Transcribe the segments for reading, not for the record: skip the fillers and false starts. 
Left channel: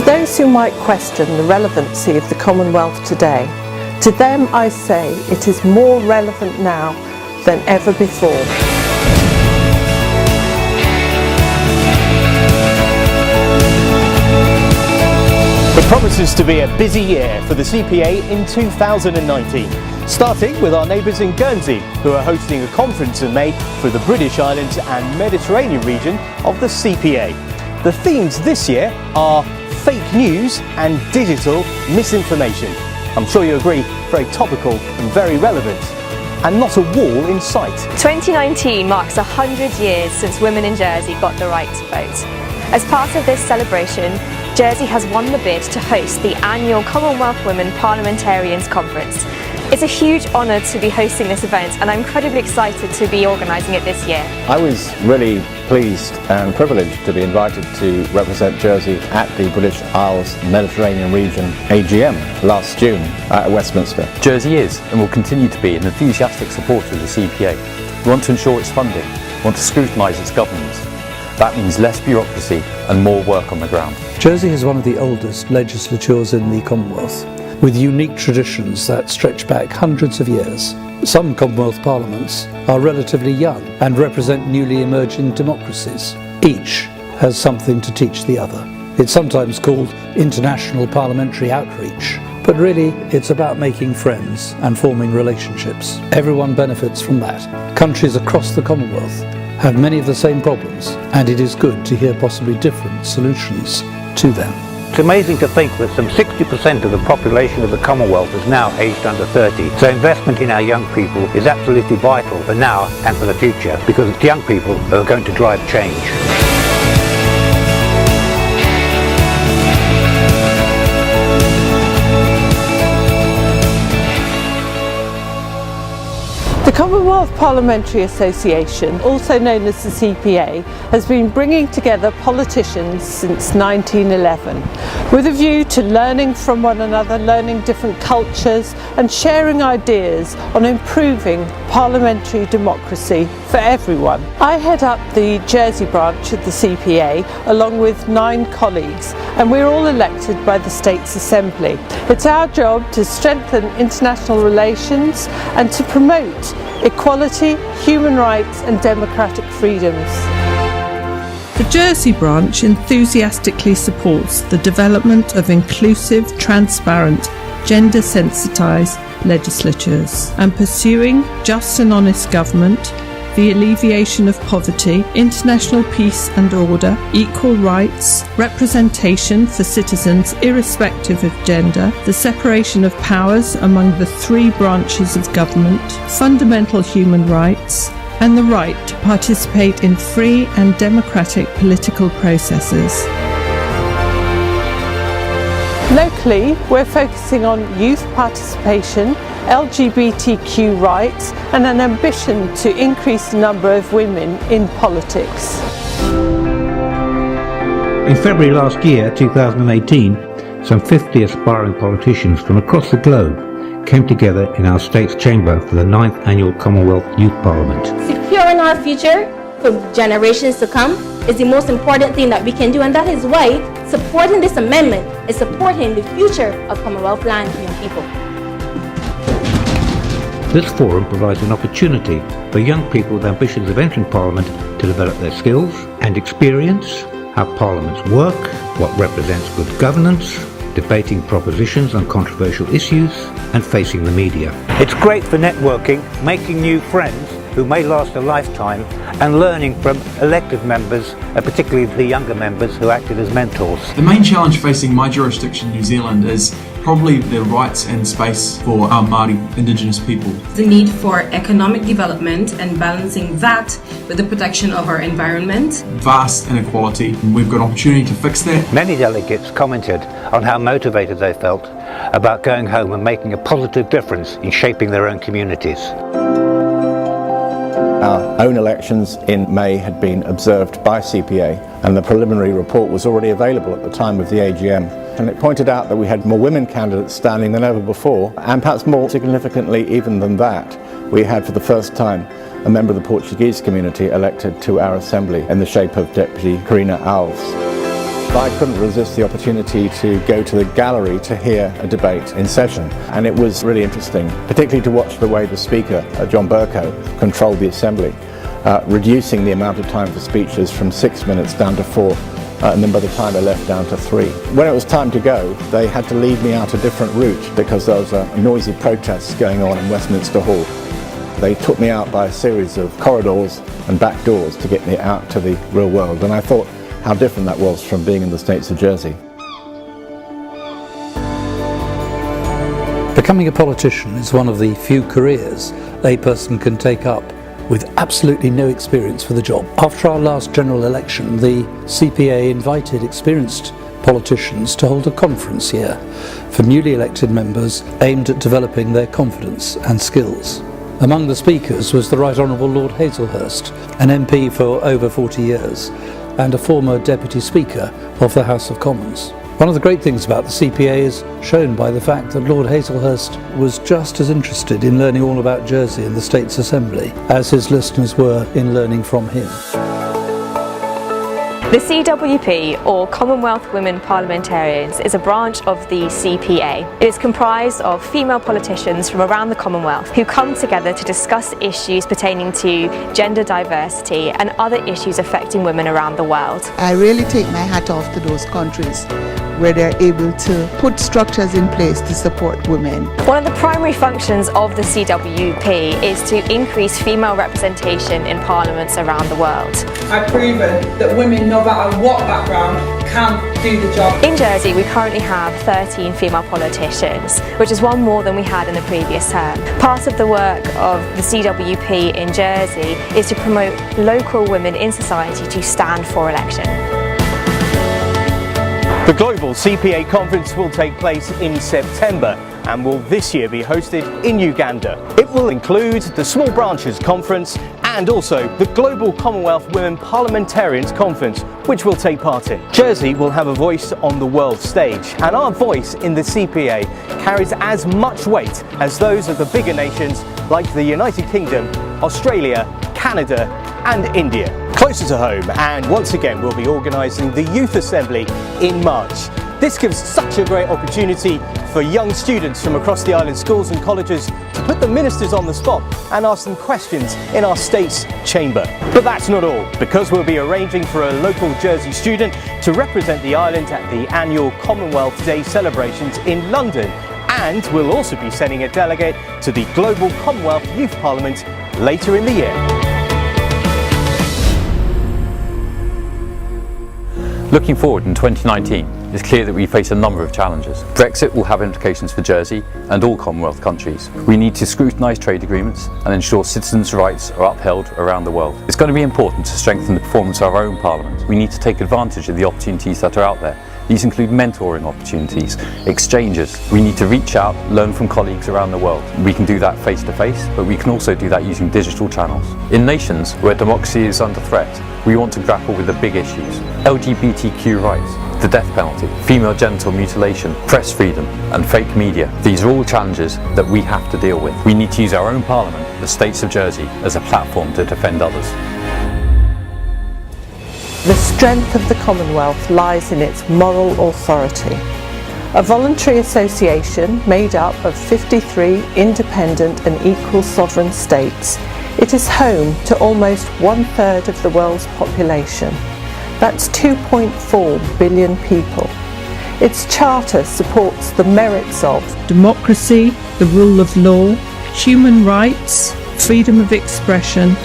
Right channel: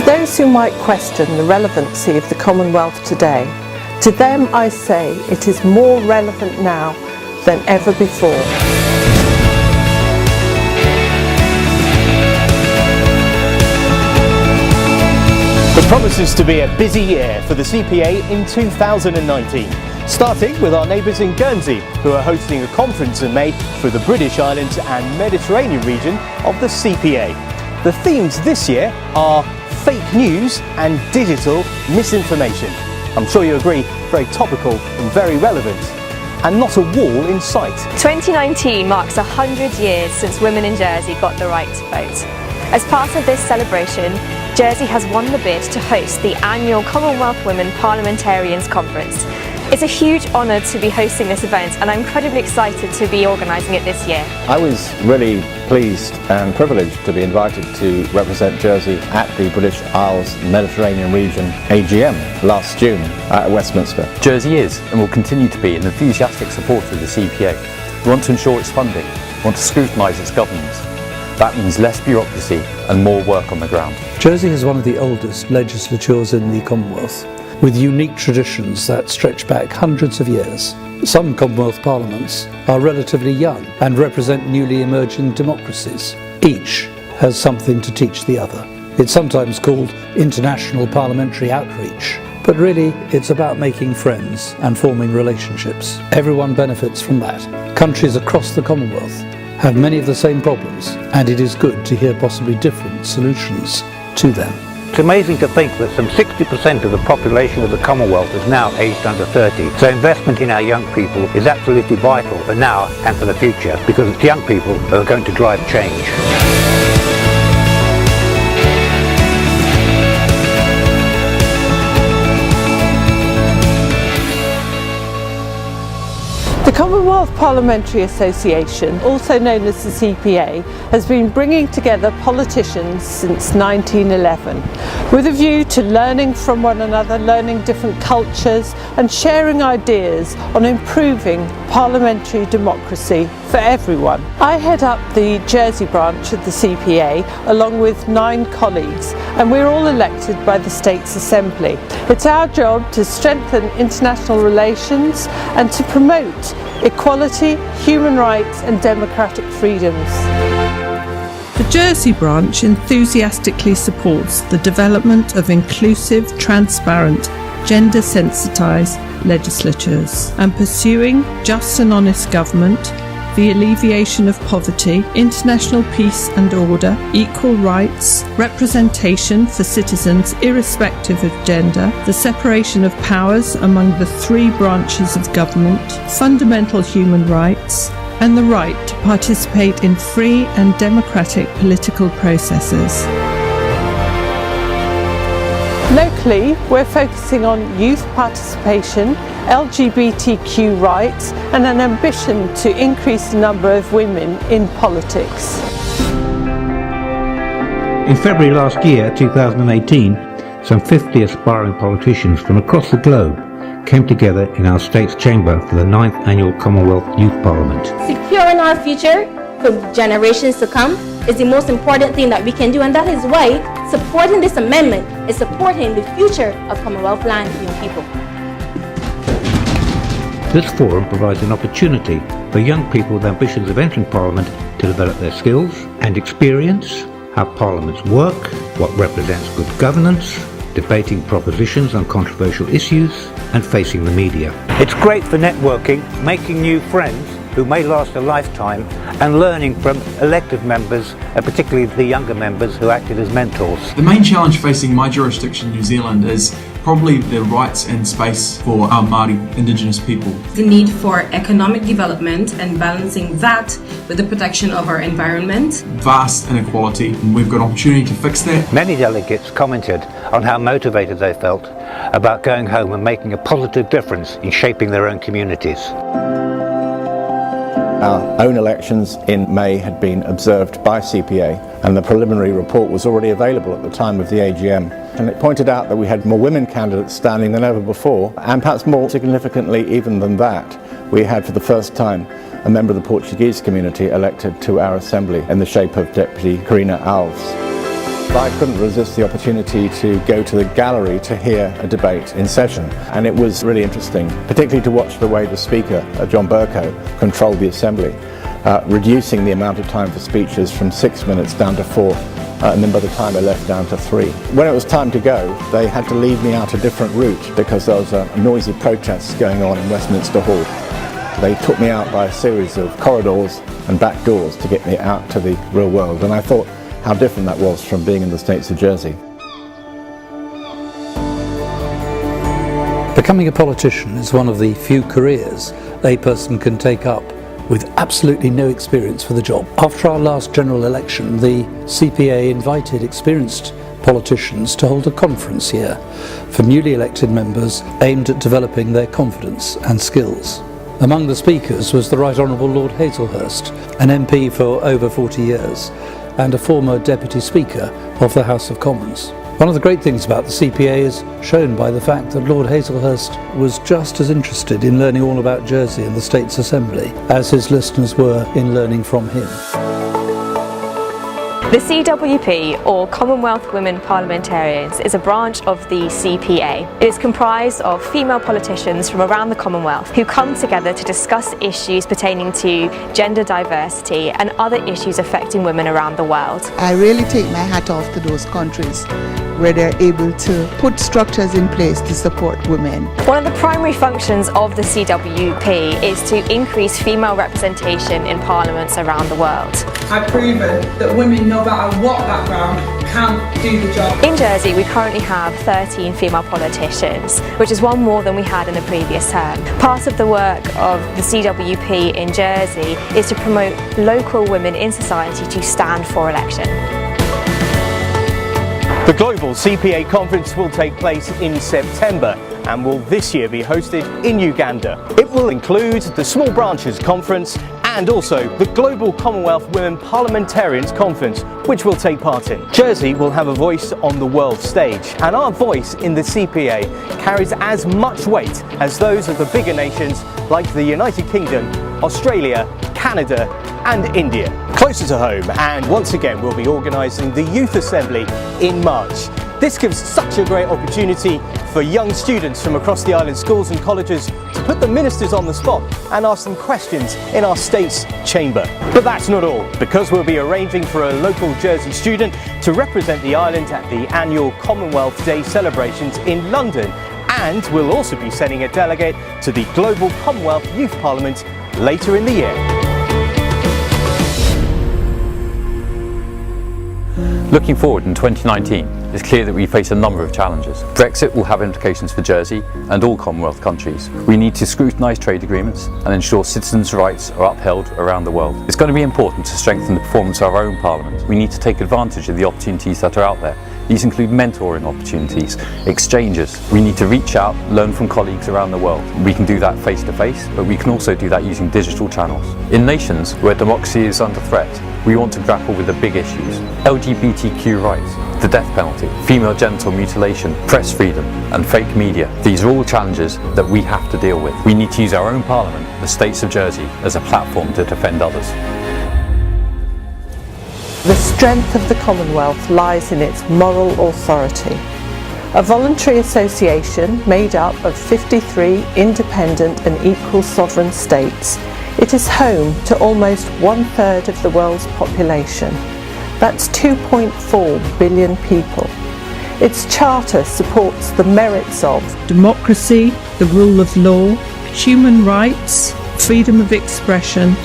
To those who might question the relevancy of the Commonwealth today, to them I say it is more relevant now than ever before. It promises to be a busy year for the CPA in 2019, starting with our neighbours in Guernsey, who are hosting a conference in May for the British Islands and Mediterranean region of the CPA. The themes this year are fake news and digital misinformation. I'm sure you agree, very topical and very relevant. And not a wall in sight. 2019 marks 100 years since women in Jersey got the right to vote. As part of this celebration, Jersey has won the bid to host the annual Commonwealth Women Parliamentarians Conference. It's a huge honour to be hosting this event, and I'm incredibly excited to be organising it this year. I was really pleased and privileged to be invited to represent Jersey at the British Isles Mediterranean region AGM last June at Westminster. Jersey is and will continue to be an enthusiastic supporter of the CPA. We want to ensure its funding, we want to scrutinise its governance. That means less bureaucracy and more work on the ground. Jersey is one of the oldest legislatures in the Commonwealth, with unique traditions that stretch back hundreds of years. Some Commonwealth parliaments are relatively young and represent newly emerging democracies. Each has something to teach the other. It's sometimes called international parliamentary outreach, but really it's about making friends and forming relationships. Everyone benefits from that. Countries across the Commonwealth have many of the same problems, and it is good to hear possibly different solutions to them. It's amazing to think that some 60% of the population of the Commonwealth is now aged under 30. So investment in our young people is absolutely vital for now and for the future, because it's young people who are going to drive change. The Commonwealth Parliamentary Association, also known as the CPA, has been bringing together politicians since 1911 with a view to learning from one another, learning different cultures and sharing ideas on improving parliamentary democracy for everyone. I head up the Jersey branch of the CPA along with 9 colleagues, and we're all elected by the State's Assembly. It's our job to strengthen international relations and to promote equality, human rights and democratic freedoms. The Jersey branch enthusiastically supports the development of inclusive, transparent, gender-sensitised legislatures and pursuing just and honest government, the alleviation of poverty, international peace and order, equal rights, representation for citizens irrespective of gender, the separation of powers among the 3 branches of government, fundamental human rights, and the right to participate in free and democratic political processes. Locally, we're focusing on youth participation, LGBTQ rights and an ambition to increase the number of women in politics. In February last year, 2018, some 50 aspiring politicians from across the globe came together in our state's chamber for the 9th annual Commonwealth Youth Parliament. Securing our future for generations to come is the most important thing that we can do, and that is why supporting this amendment is supporting the future of Commonwealth land and young people. This forum provides an opportunity for young people with ambitions of entering Parliament to develop their skills and experience how parliaments work, what represents good governance, debating propositions on controversial issues, and facing the media. It's great for networking, making new friends who may last a lifetime, and learning from elected members, particularly the younger members who acted as mentors. The main challenge facing my jurisdiction, New Zealand, is probably the rights and space for our Māori Indigenous people. The need for economic development and balancing that with the protection of our environment. Vast inequality, and we've got opportunity to fix that. Many delegates commented on how motivated they felt about going home and making a positive difference in shaping their own communities. Our own elections in May had been observed by CPA, and the preliminary report was already available at the time of the AGM. And it pointed out that we had more women candidates standing than ever before, and perhaps more significantly even than that, we had for the first time a member of the Portuguese community elected to our Assembly in the shape of Deputy Carolyn Labey. I couldn't resist the opportunity to go to the gallery to hear a debate in session, and it was really interesting, particularly to watch the way the speaker, John Bercow, controlled the Assembly, reducing the amount of time for speeches from 6 minutes down to 4, and then by the time I left, down to 3. When it was time to go, they had to lead me out a different route because there was a noisy protest going on in Westminster Hall. They took me out by a series of corridors and back doors to get me out to the real world, and I thought how different that was from being in the States of Jersey. Becoming a politician is one of the few careers a person can take up with absolutely no experience for the job. After our last general election, the CPA invited experienced politicians to hold a conference here for newly elected members aimed at developing their confidence and skills. Among the speakers was the Right Honourable Lord Hazelhurst, an MP for over 40 years and a former Deputy Speaker of the House of Commons. One of the great things about the CPA is shown by the fact that Lord Hazelhurst was just as interested in learning all about Jersey and the States Assembly as his listeners were in learning from him. The CWP, or Commonwealth Women Parliamentarians, is a branch of the CPA. It is comprised of female politicians from around the Commonwealth who come together to discuss issues pertaining to gender diversity and other issues affecting women around the world. I really take my hat off to those countries where they're able to put structures in place to support women. One of the primary functions of the CWP is to increase female representation in parliaments around the world. I've proven that women, no matter what background, can do the job. In Jersey, we currently have 13 female politicians, which is one more than we had in the previous term. Part of the work of the CWP in Jersey is to promote local women in society to stand for election. The Global CPA Conference will take place in September and will this year be hosted in Uganda. It will include the Small Branches Conference and also the Global Commonwealth Women Parliamentarians Conference, which we'll take part in. Jersey will have a voice on the world stage, and our voice in the CPA carries as much weight as those of the bigger nations like the United Kingdom, Australia, Canada and India. Closer to home, and once again we'll be organising the Youth Assembly in March. This gives such a great opportunity for young students from across the island schools and colleges to put the ministers on the spot and ask them questions in our state's chamber. But that's not all, because we'll be arranging for a local Jersey student to represent the island at the annual Commonwealth Day celebrations in London, and we'll also be sending a delegate to the Global Commonwealth Youth Parliament later in the year. Looking forward in 2019, it's clear that we face a number of challenges. Brexit will have implications for Jersey and all Commonwealth countries. We need to scrutinise trade agreements and ensure citizens' rights are upheld around the world. It's going to be important to strengthen the performance of our own Parliament. We need to take advantage of the opportunities that are out there. These include mentoring opportunities, exchanges. We need to reach out, learn from colleagues around the world. We can do that face to face, but we can also do that using digital channels. In nations where democracy is under threat, we want to grapple with the big issues: LGBTQ rights, the death penalty, female genital mutilation, press freedom and fake media. These are all challenges that we have to deal with. We need to use our own Parliament, the States of Jersey, as a platform to defend others. The strength of the Commonwealth lies in its moral authority. A voluntary association made up of 53 independent and equal sovereign states, it is home to almost 1/3 of the world's population. That's 2.4 billion people. Its charter supports the merits of democracy, the rule of law, human rights, freedom of expression,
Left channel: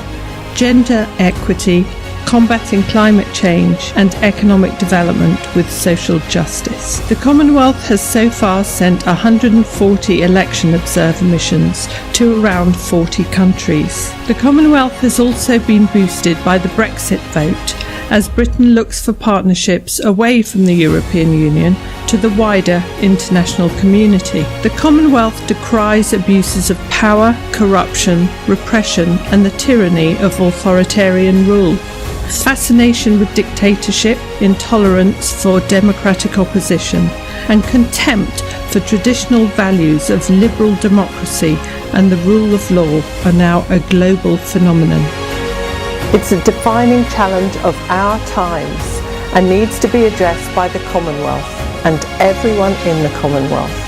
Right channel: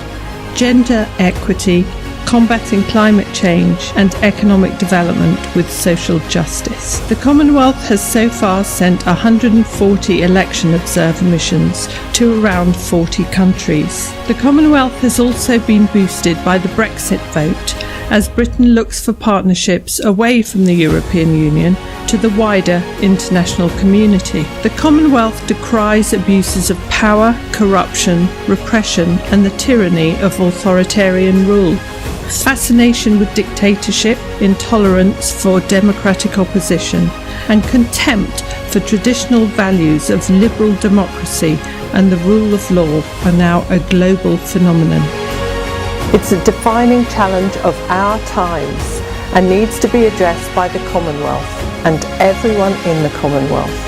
gender equity, combating climate change and economic development with social justice. The Commonwealth has so far sent 140 election observer missions to around 40 countries. The Commonwealth has also been boosted by the Brexit vote, as Britain looks for partnerships away from the European Union to the wider international community. The Commonwealth decries abuses of power, corruption, repression and the tyranny of authoritarian rule. Fascination with dictatorship, intolerance for democratic opposition, and contempt for traditional values of liberal democracy and the rule of law are now a global phenomenon. It's a defining challenge of our times, and needs to be addressed by the Commonwealth and everyone in the Commonwealth.